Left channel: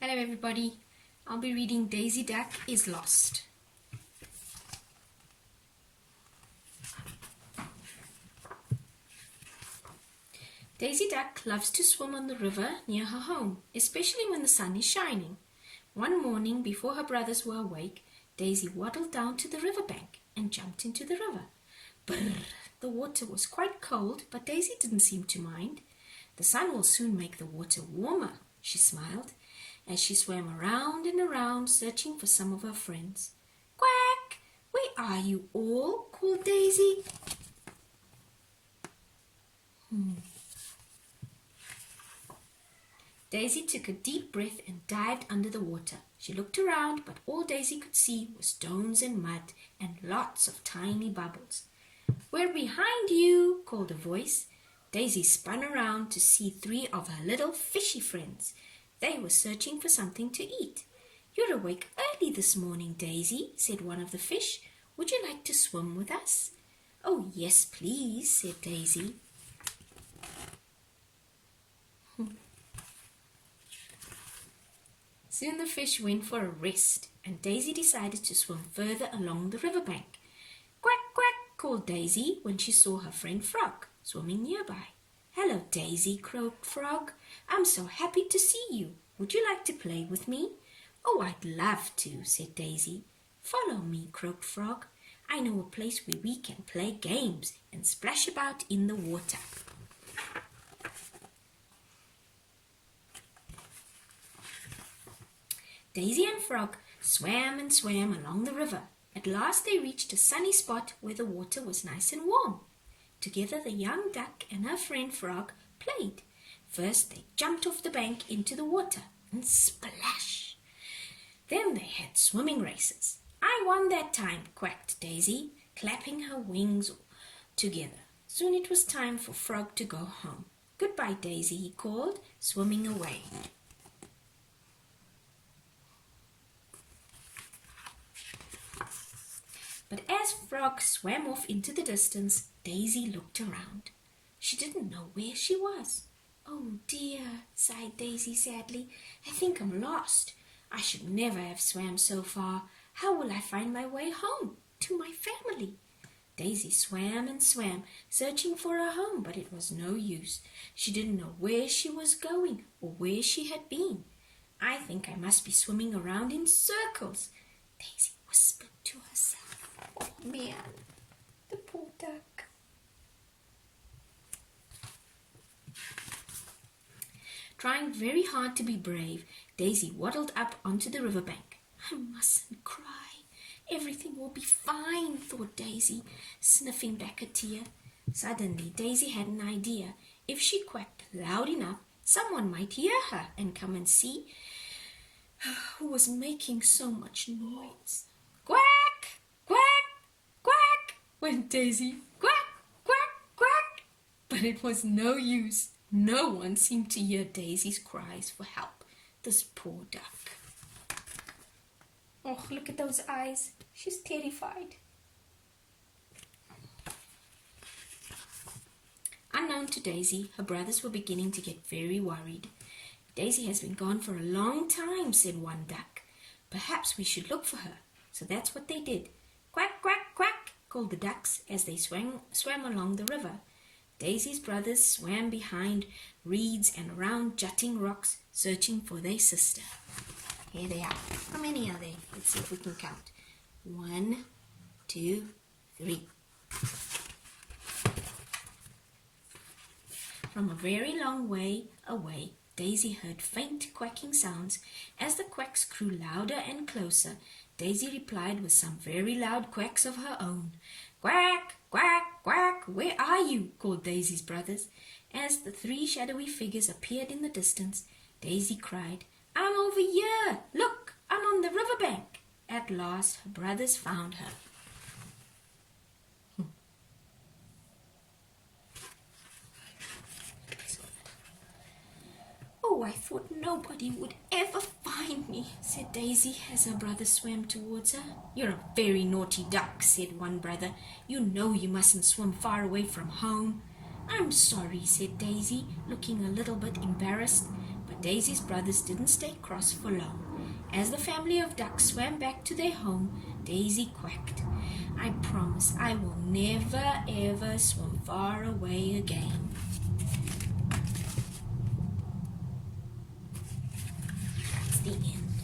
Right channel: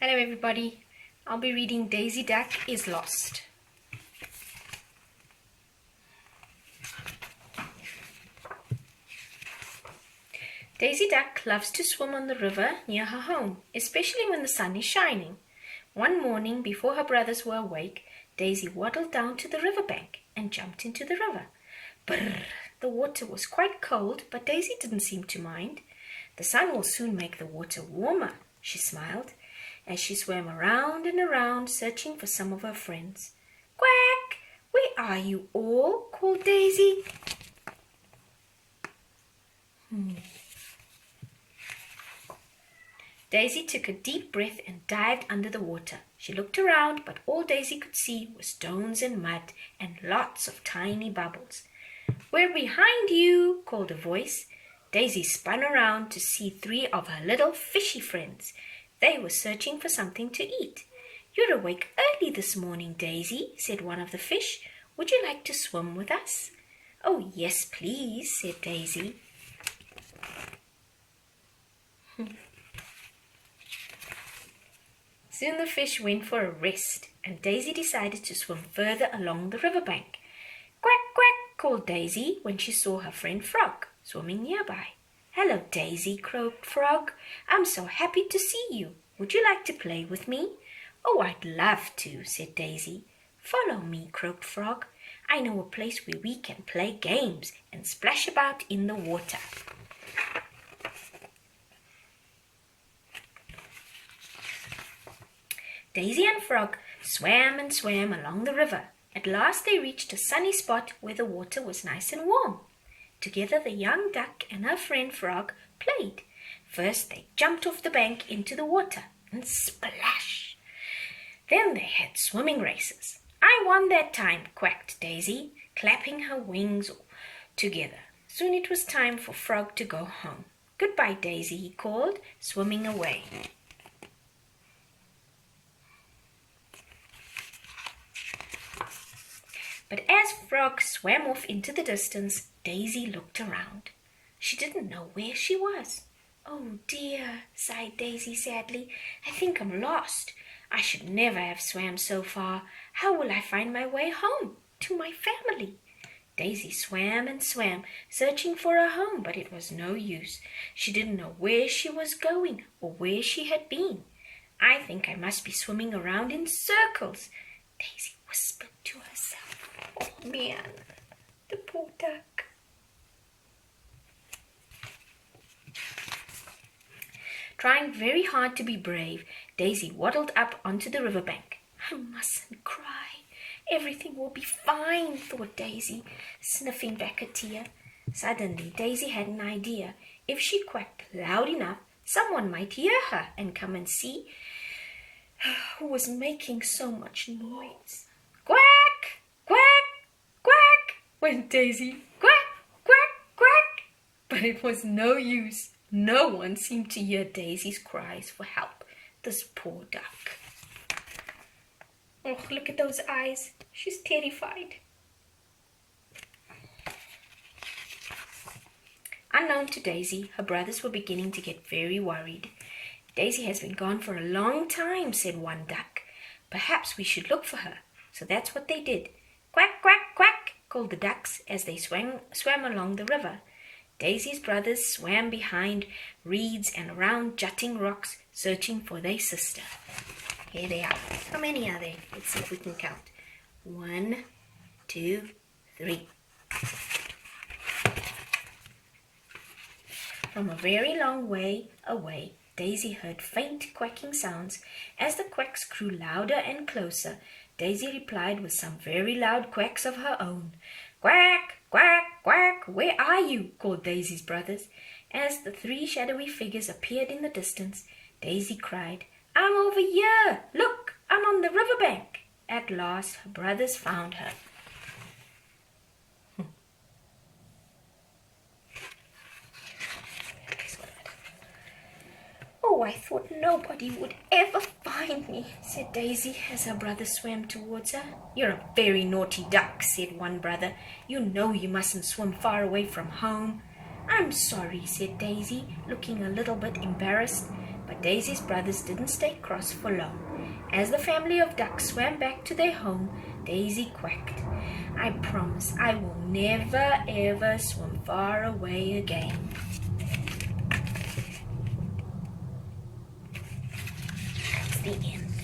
Hello everybody, I'll be reading Daisy Duck is Lost. Daisy Duck loves to swim on the river near her home, especially when the sun is shining. One morning before her brothers were awake, Daisy waddled down to the riverbank and jumped into the river. Brrr! The water was quite cold, but Daisy didn't seem to mind. The sun will soon make the water warmer, she smiled, as she swam around and around, searching for some of her friends. Quack! Where are you all? Called Daisy. Daisy took a deep breath and dived under the water. She looked around, but all Daisy could see was stones and mud and lots of tiny bubbles. We're behind you, called a voice. Daisy spun around to see 3 of her little fishy friends. They were searching for something to eat. You're awake early this morning, Daisy, said one of the fish. Would you like to swim with us? Oh, yes, please, said Daisy. Soon the fish went for a rest, and Daisy decided to swim further along the riverbank. Quack, quack, called Daisy when she saw her friend Frog swimming nearby. Hello, Daisy, croaked Frog. I'm so happy to see you. Would you like to play with me? Oh, I'd love to, said Daisy. Follow me, croaked Frog. I know a place where we can play games and splash about in the water. Daisy and Frog swam and swam along the river. At last they reached a sunny spot where the water was nice and warm. Together the young duck and her friend Frog played. First they jumped off the bank into the water and splash. Then they had swimming races. I won that time, quacked Daisy, clapping her wings together. Soon it was time for Frog to go home. Goodbye, Daisy, he called, swimming away. But as Frog swam off into the distance, Daisy looked around. She didn't know where she was. Oh dear, sighed Daisy sadly. I think I'm lost. I should never have swam so far. How will I find my way home to my family? Daisy swam and swam, searching for her home, but it was no use. She didn't know where she was going or where she had been. I think I must be swimming around in circles, Daisy whispered to herself. Oh man, the poor duck. Trying very hard to be brave, Daisy waddled up onto the riverbank. I mustn't cry. Everything will be fine, thought Daisy, sniffing back a tear. Suddenly, Daisy had an idea. If she quacked loud enough, someone might hear her and come and see who was making so much noise. Quack! Quack! Quack! Went Daisy. Quack! Quack! Quack! But it was no use. No one seemed to hear Daisy's cries for help. This poor duck. Oh, look at those eyes. She's terrified. Unknown to Daisy, her brothers were beginning to get very worried. Daisy has been gone for a long time, said one duck. Perhaps we should look for her. So that's what they did. Quack, quack, quack, called the ducks as they swam along the river. Daisy's brothers swam behind reeds and around jutting rocks, searching for their sister. Here they are. How many are there? Let's see if we can count. 1, 2, 3. From a very long way away, Daisy heard faint quacking sounds. As the quacks grew louder and closer, Daisy replied with some very loud quacks of her own. Quack, quack, quack, where are you? Called Daisy's brothers. As the 3 shadowy figures appeared in the distance, Daisy cried, I'm over here. Look, I'm on the riverbank. At last, her brothers found her. Oh, I thought nobody would ever find me, said Daisy as her brother swam towards her. You're a very naughty duck, said one brother. You know you mustn't swim far away from home. I'm sorry, said Daisy, looking a little bit embarrassed. But But Daisy's brothers didn't stay cross for long. As the family of ducks swam back to their home, Daisy quacked, "I promise I will never ever swim far away again." That's the end.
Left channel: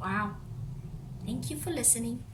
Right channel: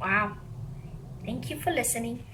Wow. Thank you for listening.